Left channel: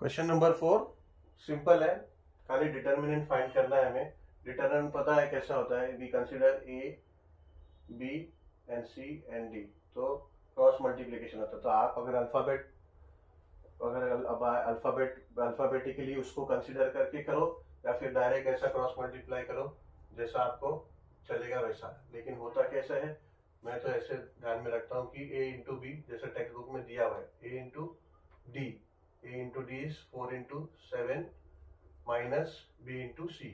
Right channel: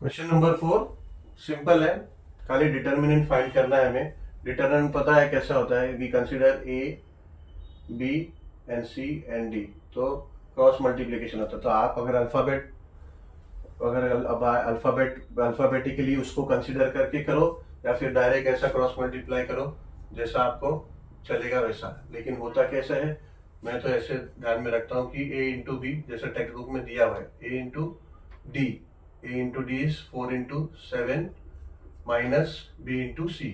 Question number 4 simple है, खाली determinant find करना है हमें। डिटर्मिनेंट पता है कैसा होता है, we consider A B and C and D, तो क्रॉस मल्टीप्लिकेशन होता है। तो आप अगर अल्फाबेटिकली उसको कंसीडर करके करो या फिर डायरेक्ट ऐसा क्रॉस मल्टीप्लाई करो जैसा आपको चलेगा वैसा। लेकिन होता कैसा है, मैं तो ऐसे ध्यान में रखता हूँ कि ए इंटू बी जैसा टेक्स्ट बुक में दिया हुआ है, A into D, A into D is 4 into 7 minus B into C,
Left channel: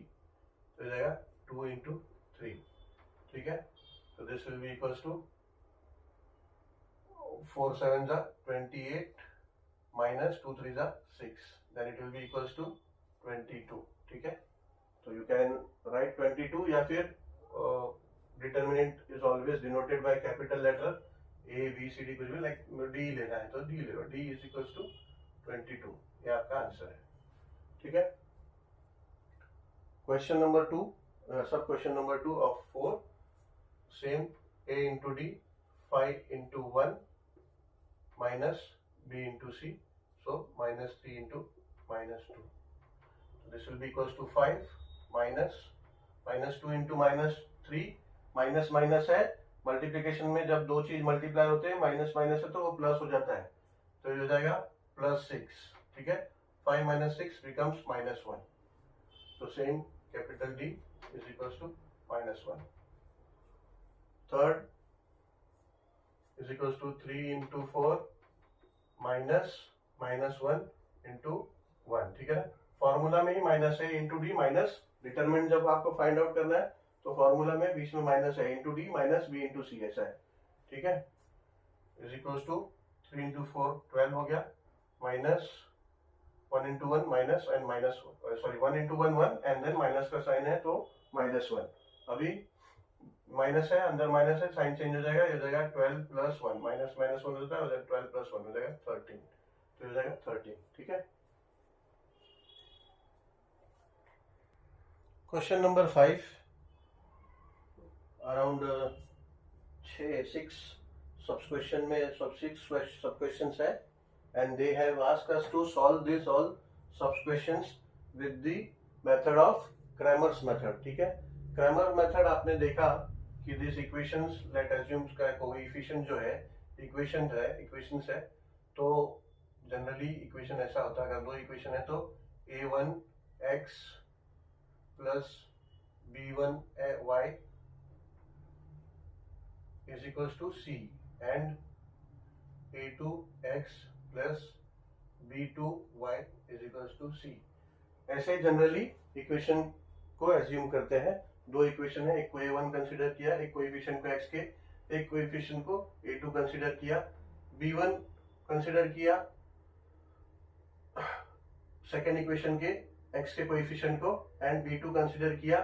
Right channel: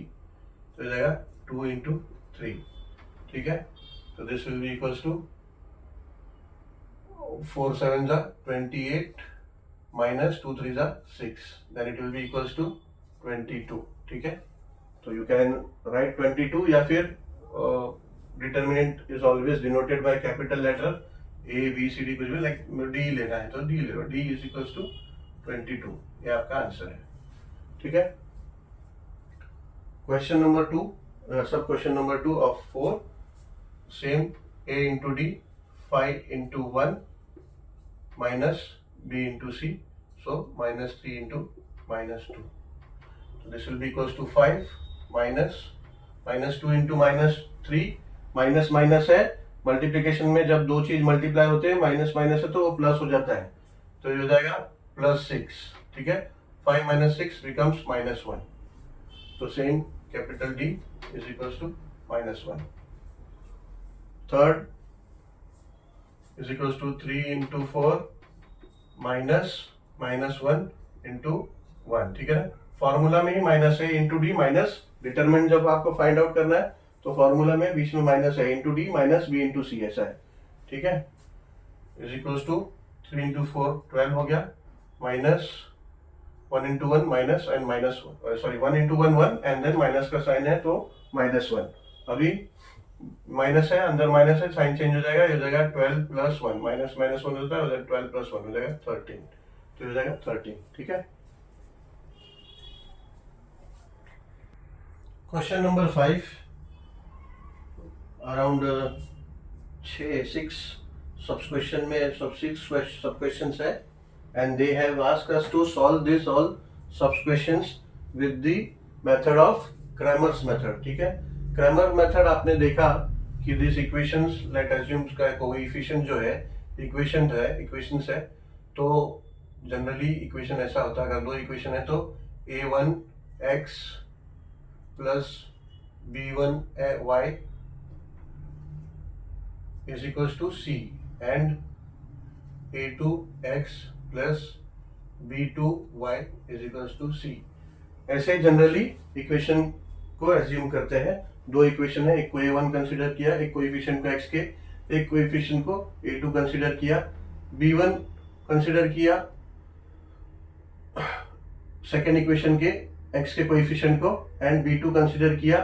तो हो जाएगा 2 इंटू 3। ठीक है, तो this will be equals to 4 7 जा 28 minus 2 3 are 6, then it will be equals to 22। ठीक है, तो you can write 22 या फिर determinant is always denoted by capital letter A B C D, कुछ भी like D लेना है तो D ले लो, D is equals to 22, ये आपका आंसर है। ठीक है, क्वेश्चन नंबर 2, सब question number 2 of 4, same A into D 5 into 1 minus B into C, so minus 3 into minus 2, so this will be equals to 5 minus 2 into minus 3, minus minus है, multiplication में जब दो चीज multiply होते हैं minus minus है तो वो प्लस हो जाता है, तो ये हो जाएगा +6। ठीक है, 5 minus 6 becomes -1, तो same capital D is equals to -1। Third is equals to 3 into 4 minus -1 into 1। ठीक है ना, फॉर्मूला में ही माइनस है इंटू डी माइनस, डिटरमिनेंट जब आपको फाइंड आउट करना है तो फॉर्मूला में बीच में माइनस है, into D minus B into C, ऐसा है। ठीक है, इज इक्वल्स टू 3 इंटू 4 12 हो गया, minus 1 into 1 minus and minus, sorry 1 into 1 1 and then minus का साइन है तो -1। अभी माइनस है, अंदर माइनस है, साइन चेंज हो जाएगा, ये हो जाएगा 12 प्लस 1, माइनस माइनस 1 होता है, 12 प्लस 1 हो जाएगा 13, तो हो जाएगा 13। ठीक है, क्वेश्चन नंबर 5, अराउंड 6 सब क्वेश्चन में सब 6 सब क्वेश्चंस है, and they have asked us to solve this all sub questions with the method of Cramer's method. ठीक है, क्रैमर मेथड आपने देखा कि दिस इक्वेशंस, लेट अज्यूम का कोएफिशिएंट जो है इक्वेशंस है, तो जनरली इक्वेशन ऐसा होता है, अगर दो इक्वेशन है तो a1x plus b1y is equals to c and a2x plus b2y is equals to c। ऐसे जनरली इक्वेशन को एज्यूम करते हैं। दो इक्वेशन है, एक को a1 कंसीडर किया, एक कोएफिशिएंट को x के, एक कोएफिशिएंट को a2 कंसीडर किया, b1 कंसीडर किया सेकेंड इक्वेशन के x के कोएफिशिएंट को, एंड b2 कंसीडर किया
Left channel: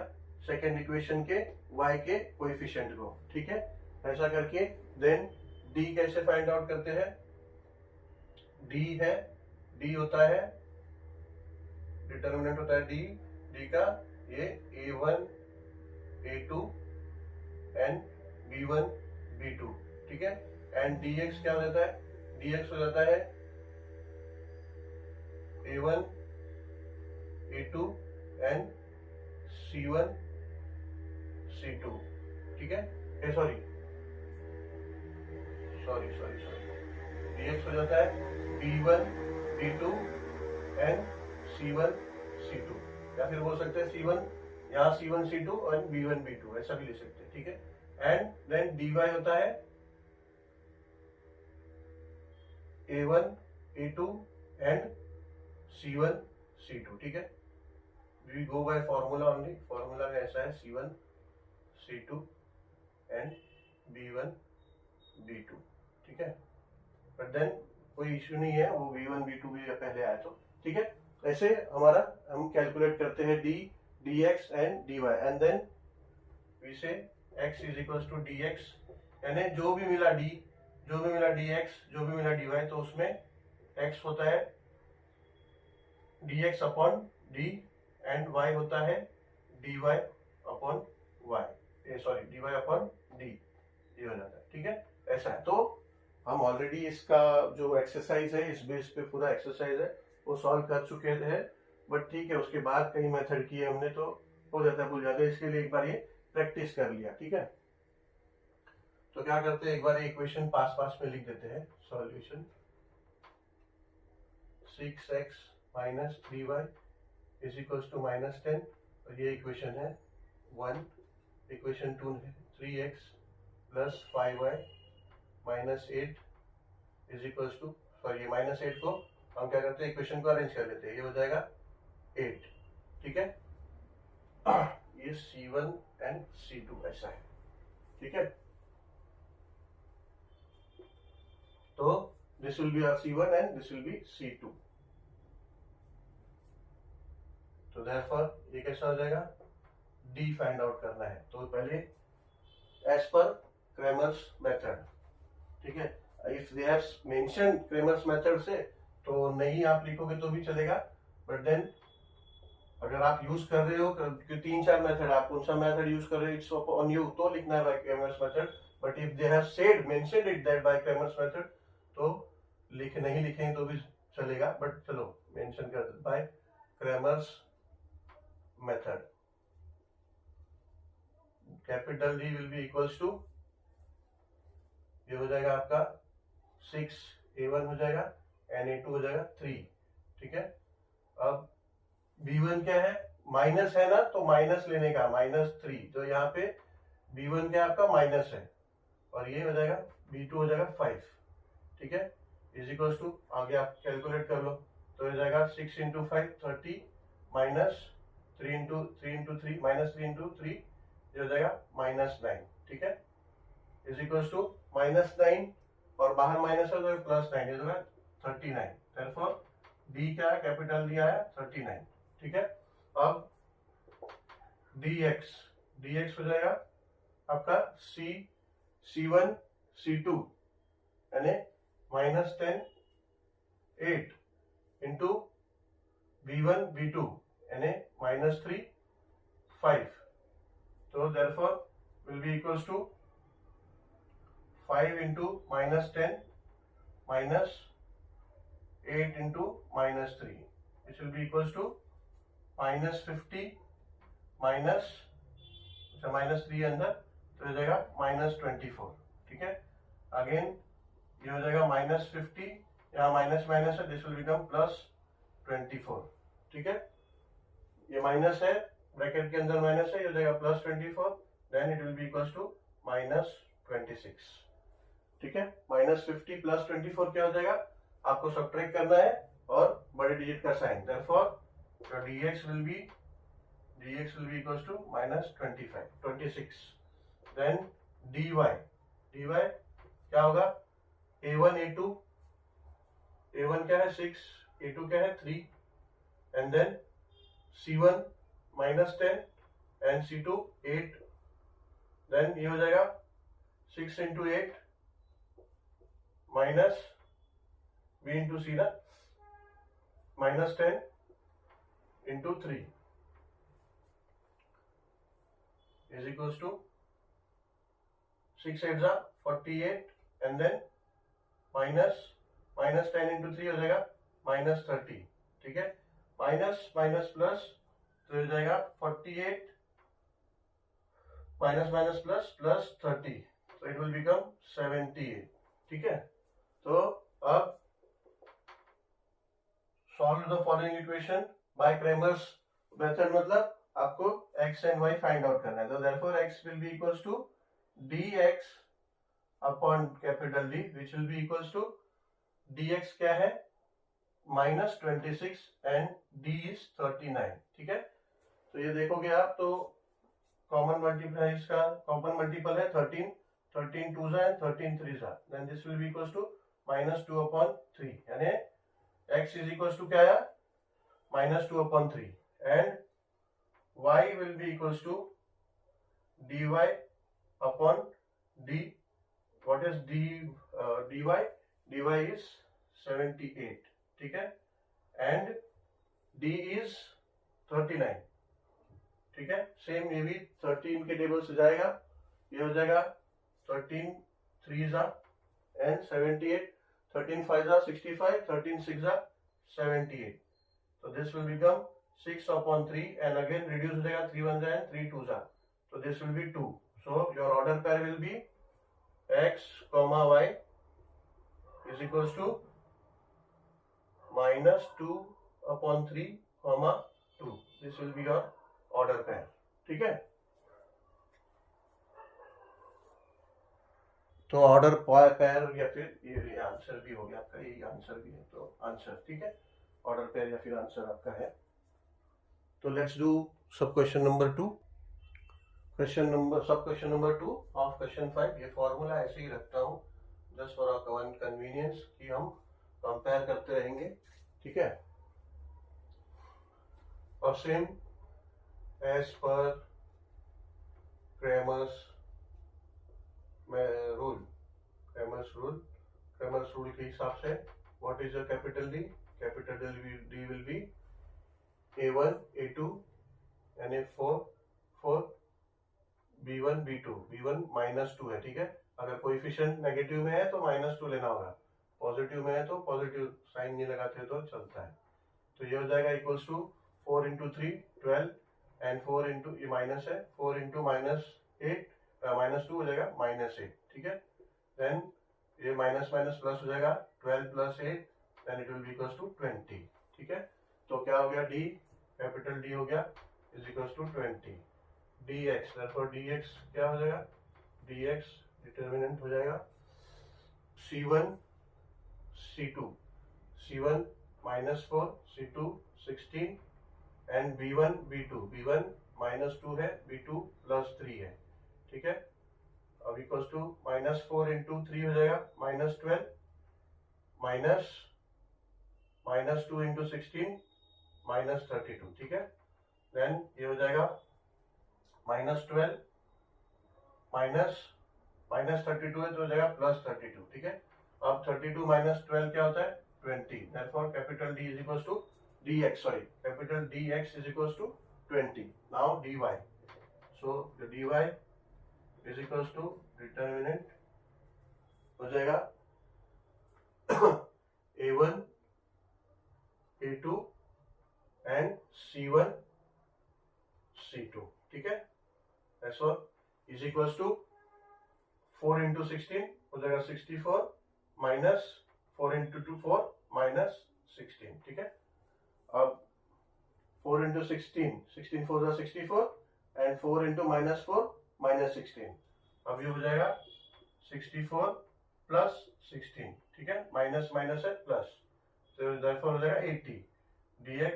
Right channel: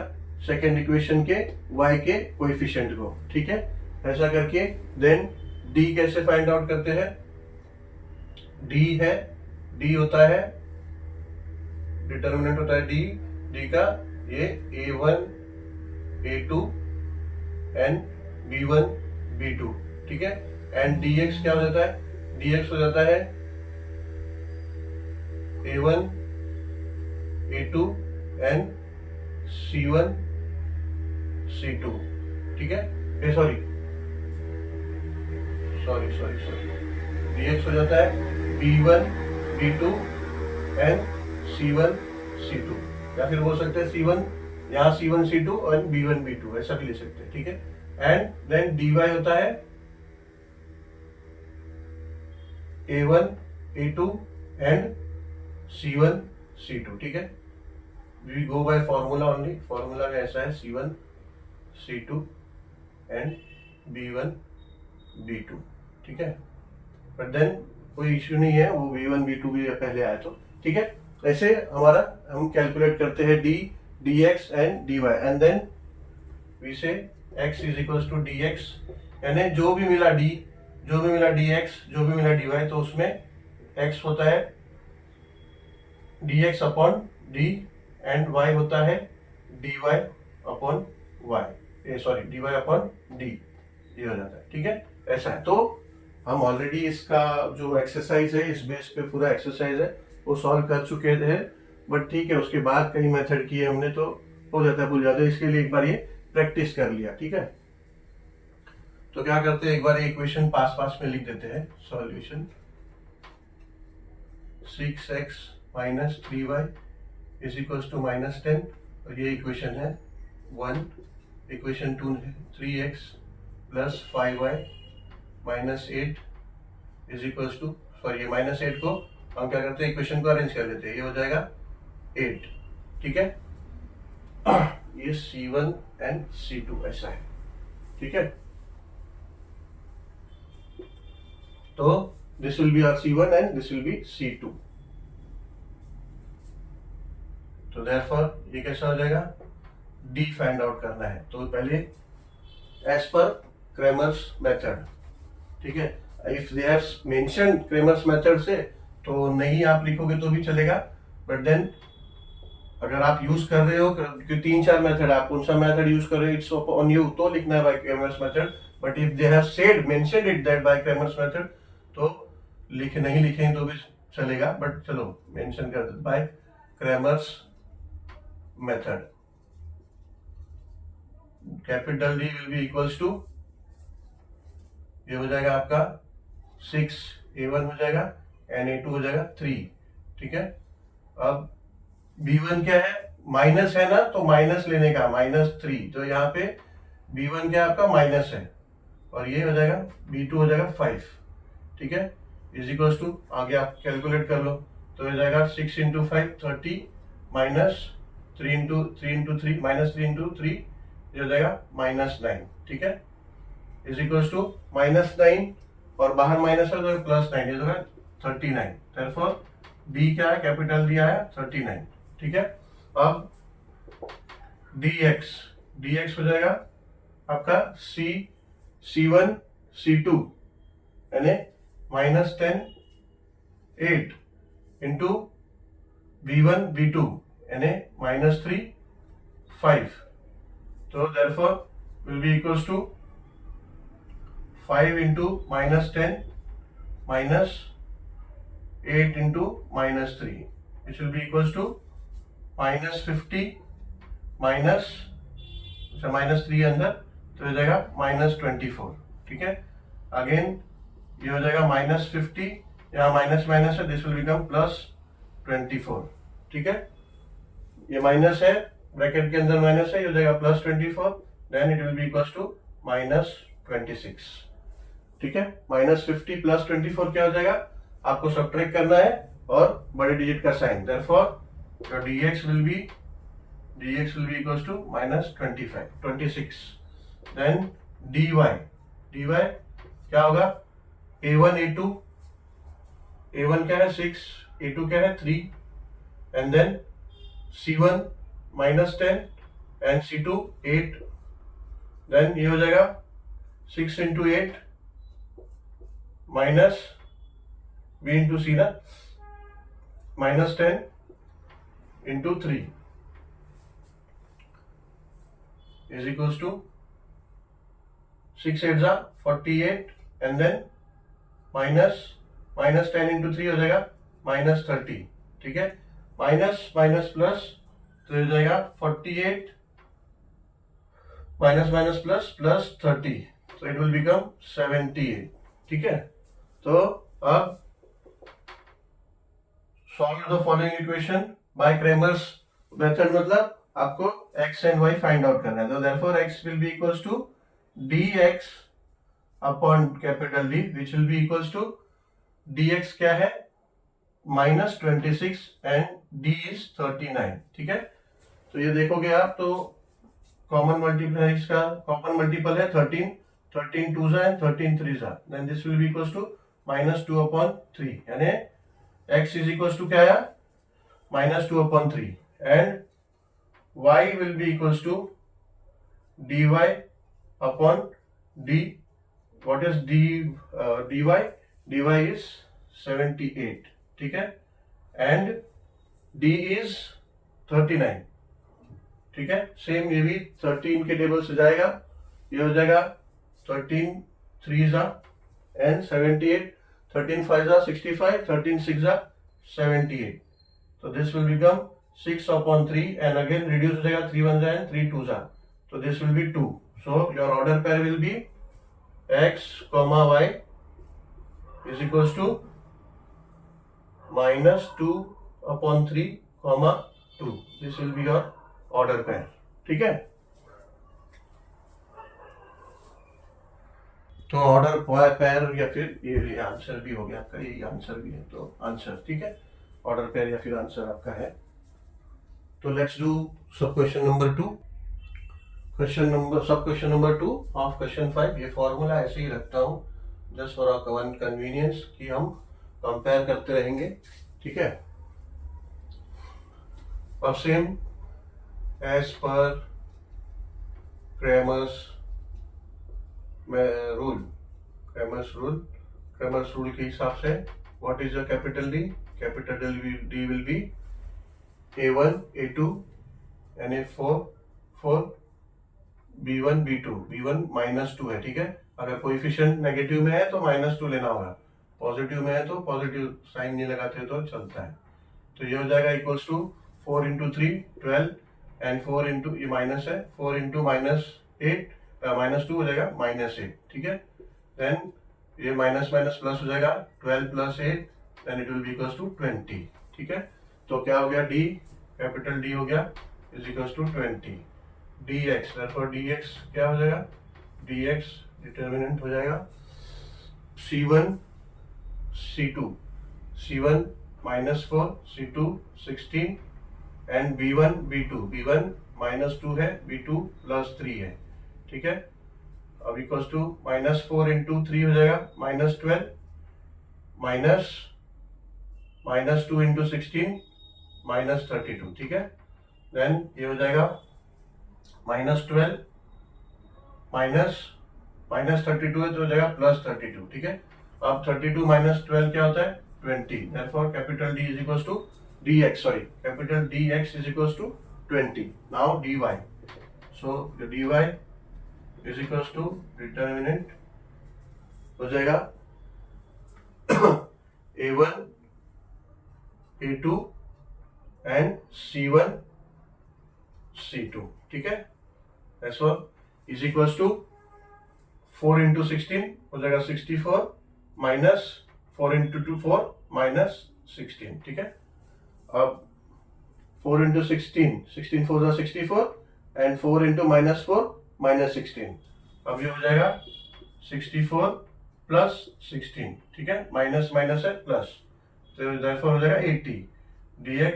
सेकेंड इक्वेशन के y के कोएफिशिएंट को। ठीक है, ऐसा करके देन d कैसे फाइंड आउट करते हैं, d होता है, डिटर्मिनेंट होता है d का ये a1 a2 and b1 b2। ठीक है, एंड dx क्या हो जाता है, dx हो जाता है a1 a2 and c1 c2। ठीक है, सॉरी dx हो जाता है b1 b2 and c1 c2, या फिर बोल सकते हैं c1, यहाँ c1 c2 और b1 b2, ऐसा भी ले सकते हैं। ठीक है, एंड देन dy होता है a1 a2 and c1 c2। ठीक है, we go by formula only, formula में ऐसा है c1 c2 and b1 b2। ठीक है, बट देन कोई इश्यू नहीं है, वो b1 b2 भी पहले आया तो। ठीक है, ऐसे हमारा हम कैलकुलेट करते हैं dx and dy, and then we say x is equals to dx, यानी जो भी मिला d, जो भी मिला dx, जो भी मिला dy, तो उसमें x होता है dx upon d and y होता है dy upon y, dy upon d, ये हो जाता है। ठीक है, ऐसा है। तो हम ऑलरेडी इसका जो एक्सरसाइज है इस बेस पे पूरा एक्सरसाइज है, वो सॉल्व कर चुके थे, बट ठीक है उसके बाद कई मेथड किए हमने तो हो जाता है, भूल जाते हैं, इसके लिए एक बार ये प्रैक्टिस कर लिया। ठीक है, तो क्या करते हैं, एक बार इक्वेशन पास में लिख देते हैं। Solution 6x minus 3y is equals to -10, और ये इक्वेशन है 1। इक्वेशन 2 है 3x plus 5y minus 8 is equals to, sorry ये -8 को हम क्या करते हैं, इक्वेशन को अरेंज कर लेते हैं, ये हो जाएगा 8। ठीक है, ये C1 एंड C2 ऐसा है। ठीक है, तो this will be R C1 and this will be C2। तो देयरफॉर ये कैसा हो जाएगा, D फाइंड आउट करना है। तो पहले एज पर क्रेमर्स मेथड, ठीक है, if they have mention Cramer's method से तो नहीं आप लिखोगे तो भी चलेगा, बट देन अगर आप यूज कर रहे हो, क्योंकि 3-4 मेथड, आप कौन सा मेथड यूज कर रहे हो, इट्स ऑन यू, तो लिखना है bye Cramer's method. But if they have said mentioned it that bye Cramer's method, तो नहीं लिखेंगे तो भी चलेगा, बट चलो मेंशन कर दो by Cramer's method. Capital D will be equals to, ये हो जाएगा आपका 6a1 हो जाएगा एंड a2 हो जाएगा 3। ठीक है, अब b1 क्या है, माइनस है ना, तो माइनस लेने का -3, तो यहाँ पे b1 क्या आपका माइनस है, और ये हो जाएगा b2 हो जाएगा 5। ठीक है, इज इक्वल्स टू, आगे आप कैलकुलेट कर लो, तो हो जाएगा 6 × 5 30 माइनस 3 × 3 माइनस 3 × 3, ये हो जाएगा -9। ठीक है, इज इक्वल्स टू -9 और बाहर माइनस है तो +9, ये होगा 39। देयरफॉर डी क्या है, कैपिटल डी आया 39। ठीक है, अब dx हो जाएगा आपका C1 C2 यानी -10 8 इंटू V1 V2 यानी -3 5। तो therefore will be equals to 5 into -10 minus 8 into -3, which will be equals to -50 minus, अच्छा -3 अंदर, तो हो जाएगा -24। ठीक है, अगेन ये हो जाएगा -50, यहाँ माइनस है, दिस विल बिकम +24। ठीक है, ये माइनस है, ब्रैकेट के अंदर माइनस है, ये हो जाएगा +24, then it will be equals to -26। ठीक है, -50 + 24 क्या हो जाएगा, आपको सब्ट्रैक्ट करना है और बड़े डिजिट का sign. Therefore your dx will be equals to -26। Then dy क्या होगा, a1 a2, a1 क्या है 6, a2 क्या है 3, and then c1 -10 and c2 8, then ये हो जाएगा 6 × 8 माइनस b इंटू सी ना, -10 into 3 is equals to 6 8 48, and then -10 into 3 हो जाएगा -30। ठीक है, माइनस प्लस, तो हो जाएगा 48 माइनस प्लस 30, तो इट विल बिकम 78। ठीक है, तो अब solve the following equation by Cramer's method, मतलब आपको x and y find out करना है। तो therefore x will be equals to dx upon capital D, which will be equals to dx क्या है -26 एंड d इज 39। ठीक है, तो ये देखोगे आप तो कॉमन मल्टीप्लाई, इसका कॉमन मल्टीपल है 13 2 and 13 3, then this will be equals to -2/3, यानी x इज इक्वल्स टू क्या आया -2/3, and y will be equals to dy upon d. What is dy? dy is 78। ठीक है, एंड d is 39। ठीक है, same ये भी 13 के टेबल से जाएगा, ये हो जाएगा 13 3 and 78, 13 5 65, 13 6 78. So this will become 6/3 and again reduce हो जाएगा 3 1 and 3 2 जा, so this will be 2. So your order pair will be x comma y is equals to -2/3 comma 2. This will be your order pair. ठीक है, तो order pair या फिर ये answer भी हो गया आपका, ये आंसर भी है, तो आंसर ठीक है, ऑर्डर पेयर या फिर आंसर आपका है. तो लेट्स डू सब क्वेश्चन नंबर 2. सब क्वेश्चन नंबर 2 ऑफ क्वेश्चन 5. ये फॉर्मूला ऐसे ही रखता हूँ जस्ट फॉर आवर कन्वीनियंस कि हम कंपेयर करते रहेंगे. ठीक है, और same as per Cramer's rule के हिसाब से what is the capital D? Capital D will be A1 A2 and A4 B1 B2. B1 -2 है. ठीक है, अगर कोएफिशिएंट नेगेटिव में है तो -2 लेना होगा, पॉजिटिव में है तो पॉजिटिव साइन नहीं लगाते तो चलता है. तो ये हो जाएगा इक्वल्स टू 4 × 3 12 एंड 4 × ये माइनस है, 4 × -2 हो जाएगा -8. ठीक है, देन ये माइनस प्लस हो जाएगा 12 + 8 then it will be equals to 20. ठीक है, तो क्या हो गया? डी, कैपिटल डी हो गया is equals to 20 dx. therefore dx क्या हो जाएगा? dx डिटर्मिनेंट हो जाएगा c1 c2. c1 -4 c2 16 and b1 b2. b1 -2 है, b2 +3 है. ठीक है, अब इक्वल्स टू -4 × 3 हो जाएगा -12 -2 × 16 -32. ठीक है, देन ये हो जाएगा -12 -32 है तो हो जाएगा +32. ठीक है, अब 32 - 12 क्या होता है? 20. therefore capital D is equals to dx. Sorry, capital dx is equals to 20. Now dy. So dy is equals to determinant हो जाएगा A1 A2 and C1 C2. ठीक है, ऐसा इज इक्वल्स टू 4 × 16 हो जाएगा 64 माइनस 4 × 2 4 -16. ठीक है, अब 4 × 16 16 4 64 एंड 4 × -4 -16. अब ये हो जाएगा 64 + 16. ठीक है, माइनस है प्लस, तो therefore हो जाएगा 80. dx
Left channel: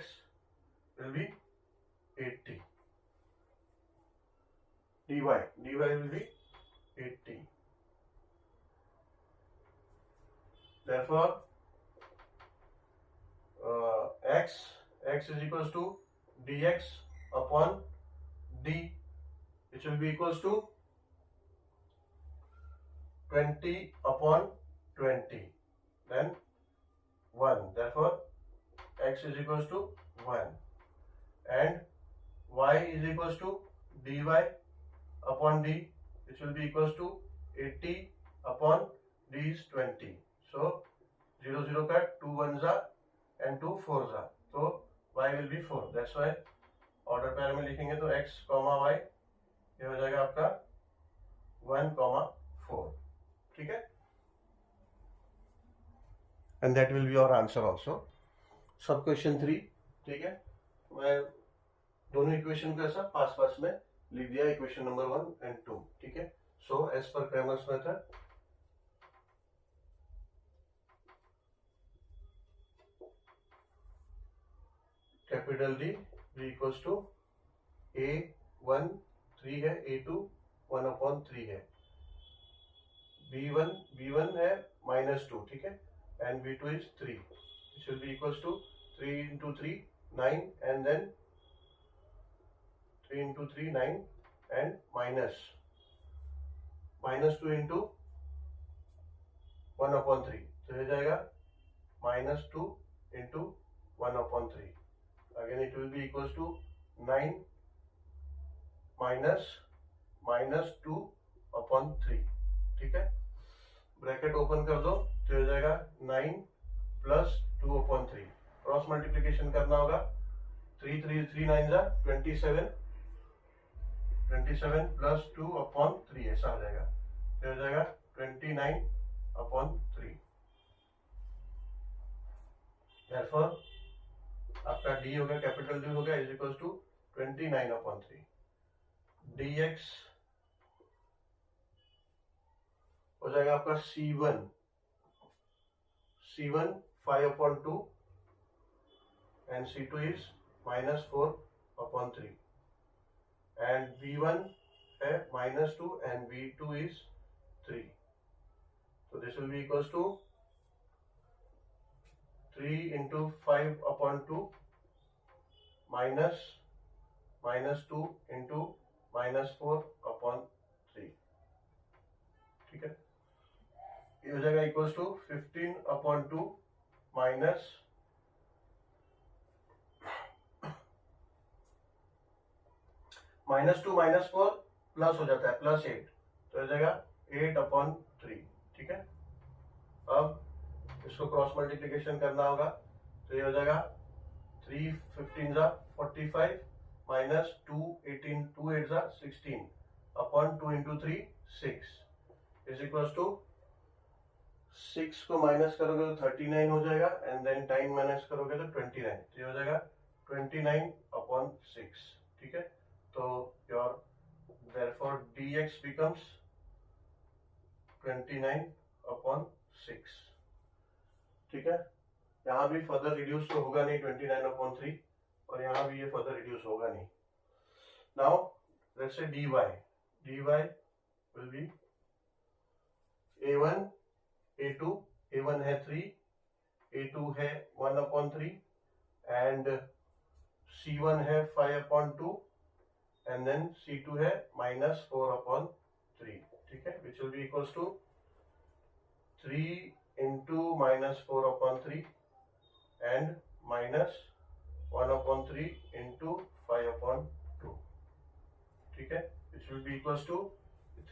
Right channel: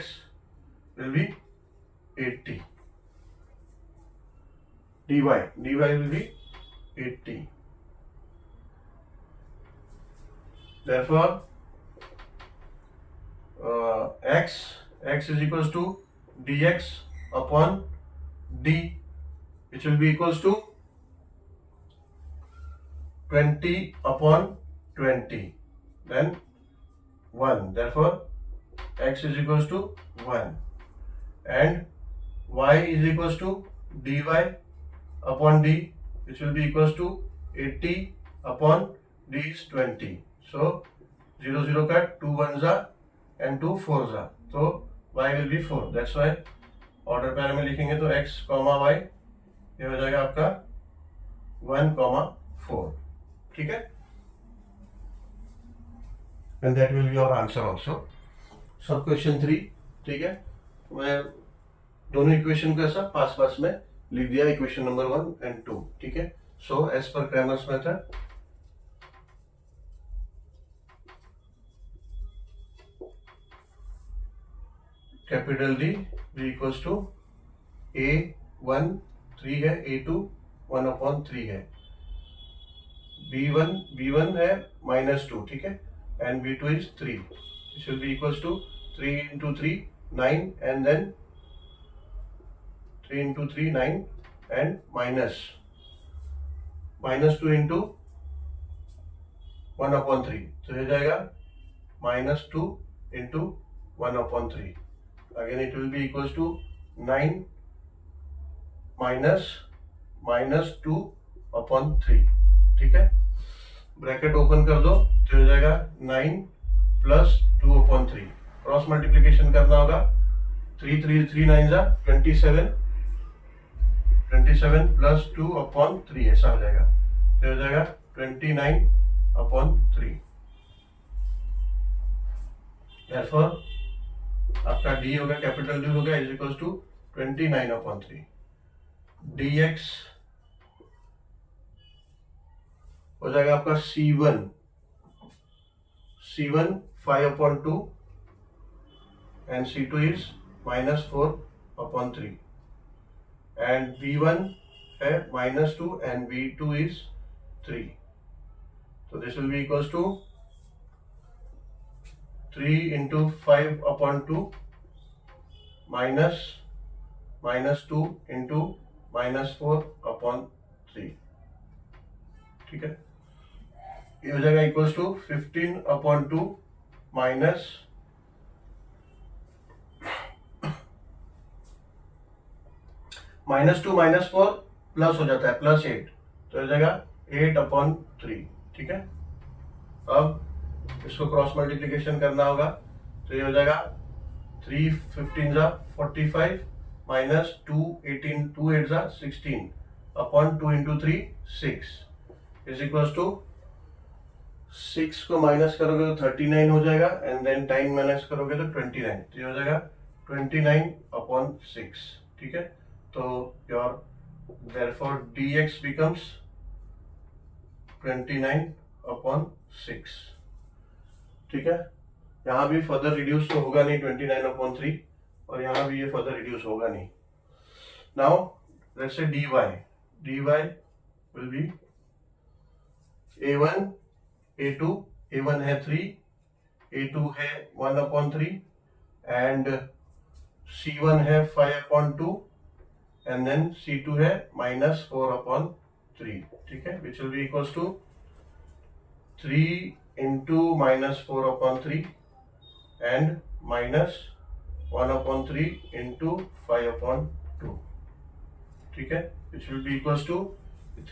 will be 80. dy will be 80. therefore x is equals to dx upon d, which will be equals to 20/20, then 1. therefore x is equals to 1 and y is equals to dy upon d, which will be equals to 80/d is 20. so 0 0 cut, 2 1s and 2 4s, so y will be 4. that's why order पैर में लिखेंगे तो x, y ये हो जाएगा आपका 1,4. ठीक है, and that will be your answer also. सब क्वेश्चन 3. ठीक है, मैं दोनों इक्वेशन को ऐसा पास में लिख दिया, इक्वेशन नंबर 1 and 2. ठीक है, so as per Cramer's method capital D equals to A1 3 है, A2 1/3 है, B1 है -2. ठीक है, and B2 is 3. This will be equals to 3 × 3 9 and then 3 × 3 9 and minus -2 × 1/3. तो हो जाएगा -2 × 1/3. again it will be equals to 9 -2/3. ठीक है, ब्रैकेट ओपन कर दो तो हो जाएगा 9 + 2/3 क्रॉस मल्टीप्लीकेशन करना होगा। 3 3 3 9 जा 27, 27 प्लस 2/3 ऐसा हो जाएगा। तो हो जाएगा 29/3। Therefore आपका डी होगा, कैपिटल डी होगा इज इक्वल टू 29/3। dx हो जाएगा आपका C1 5/2 and C2 is -4/3 and V1 है -2 and V2 is 3. So this will be equals to 3 into 5/2 minus -2 into -4/3। ठीक है, ये हो जाएगा इक्वल्स टू 15/2 माइनस -2 -4 प्लस हो जाता है +8, तो हो जाएगा 8/3। ठीक है, अब इसको क्रॉस मल्टीप्लीकेशन करना होगा, तो ये हो जाएगा 3 15 जा 45 माइनस 2 18 2 8 जा 16/2 into 3 6 इज इक्वल्स टू 6 को माइनस करोगे तो 39 हो जाएगा एंड देन टाइम माइनस करोगे तो 29, तो ये हो जाएगा 29/6। ठीक है, तो योर therefore dx becomes 29/6। ठीक है, यहाँ भी फर्दर रिड्यूस तो होगा नहीं 29/3 और यहाँ भी ये फर्दर रिड्यूस होगा नहीं। Now let's say dy will be a1 a2, a1 है 3, a2 है 1/3 एंड c1 है 5/2 एंड देन c2 है -4/3। ठीक है, which will be equals to 3 into -4/3 and -1/3 into 5/2। ठीक है, which will be equals to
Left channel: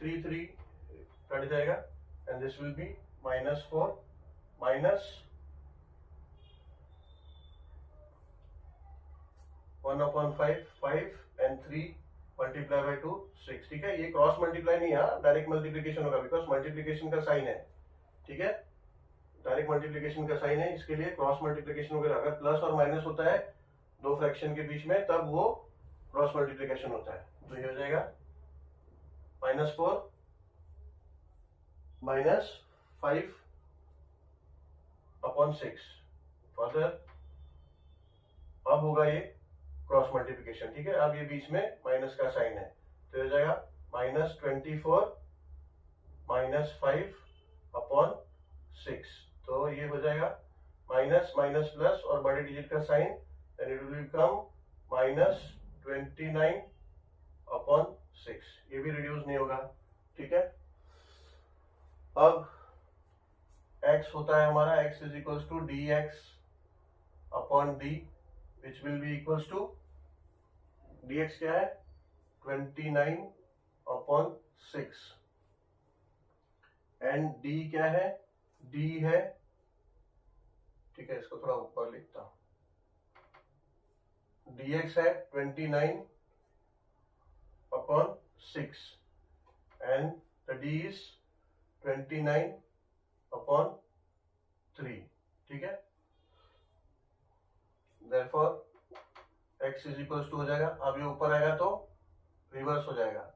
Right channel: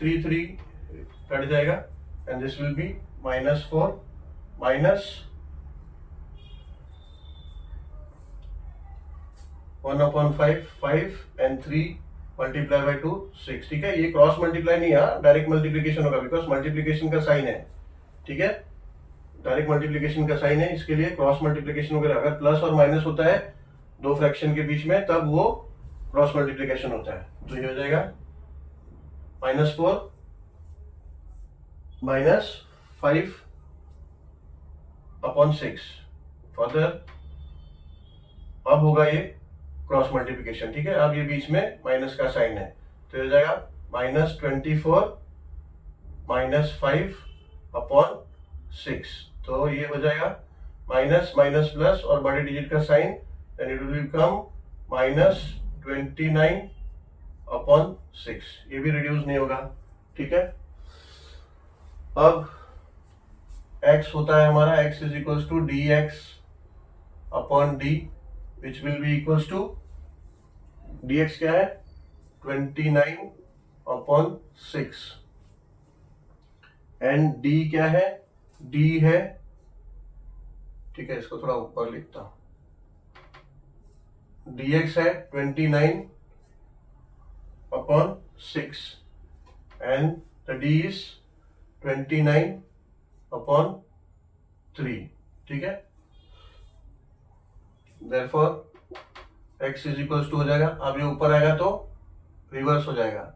3 3 cut जाएगा and this will be -4 minus 1/5 5 and 3 multiply by 2 6। ठीक है, ये क्रॉस मल्टीप्लाई नहीं है, डायरेक्ट मल्टीप्लीकेशन होगा बिकॉज मल्टीप्लीकेशन का साइन है। ठीक है, डायरेक्ट मल्टीप्लीकेशन का साइन है, इसके लिए क्रॉस मल्टीप्लीकेशन वगैरह अगर प्लस और माइनस होता है दो फ्रैक्शन के बीच में तब वो क्रॉस मल्टीप्लीकेशन होता है। तो ये हो जाएगा -4 -5/6। फर्दर अब होगा ये क्रॉस मल्टीप्लीकेशन। ठीक है, अब ये बीच में माइनस का साइन है, तो हो जाएगा -24 -5/6। तो ये हो जाएगा माइनस माइनस प्लस और बड़े डिजिट का sign, then it will become -29/6। ये भी रिड्यूस नहीं होगा। ठीक है, अब x होता है हमारा x is equals to dx/d which will be equals to dx क्या है 29/6 एंड d क्या है d है। ठीक है, इसको थोड़ा ऊपर लिखता हूं, dx है 29/6 एंड द d इज 29/3। ठीक है, therefore x is equals to हो जाएगा, अब ये ऊपर आएगा तो रिवर्स हो जाएगा,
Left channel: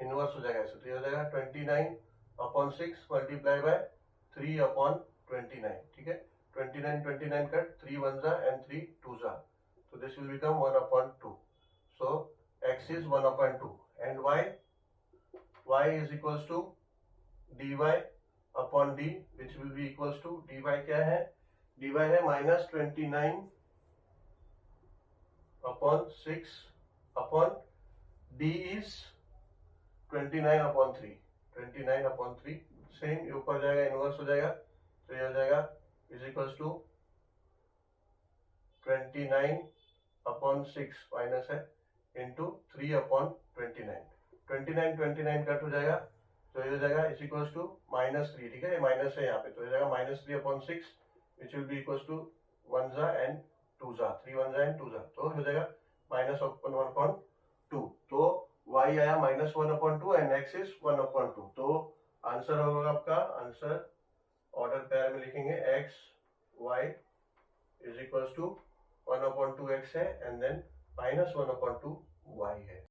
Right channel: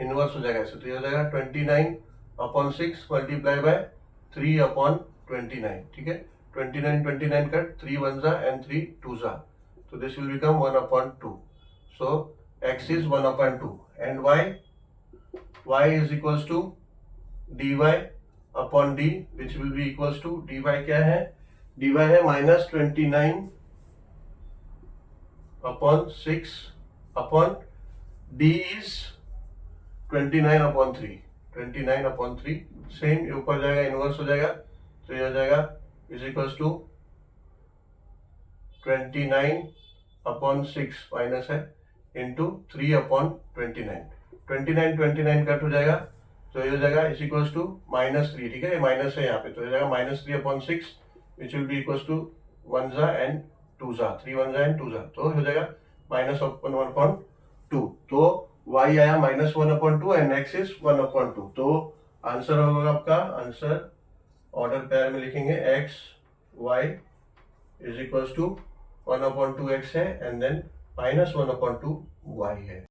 इनवर्स हो जाएगा ऐसे, तो ये हो जाएगा 29/6 मल्टीप्लाई बाय 3/29। ठीक है, 29 कट 3 1 जा एंड 3 2 जा, तो this will become 1/2। So x is 1/2 and y is equals to dy/d which will be equals to dy क्या है, dy है -29/6 अपॉन d इज 29/3 सेम, ये ऊपर जाएगा इनवर्स हो जाएगा, तो ये हो जाएगा इज इक्वल्स टू 29/6 माइनस है इंटू 3/29। 29 कट हो जाएगा, तो ये हो जाएगा इज इक्वल्स टू -3। ठीक है, ये माइनस है यहाँ पे, तो हो जाएगा -3/6 which will be equals to one जा एंड टू जा, 3 वन जा एंड टू जा, तो हो जाएगा माइनस वन अपॉन टू। तो y आया minus one upon two and x is one upon two. तो आंसर होगा आपका, आंसर ऑर्डर पेयर में लिखेंगे x y is equal to one upon two X है and then minus one upon two y है।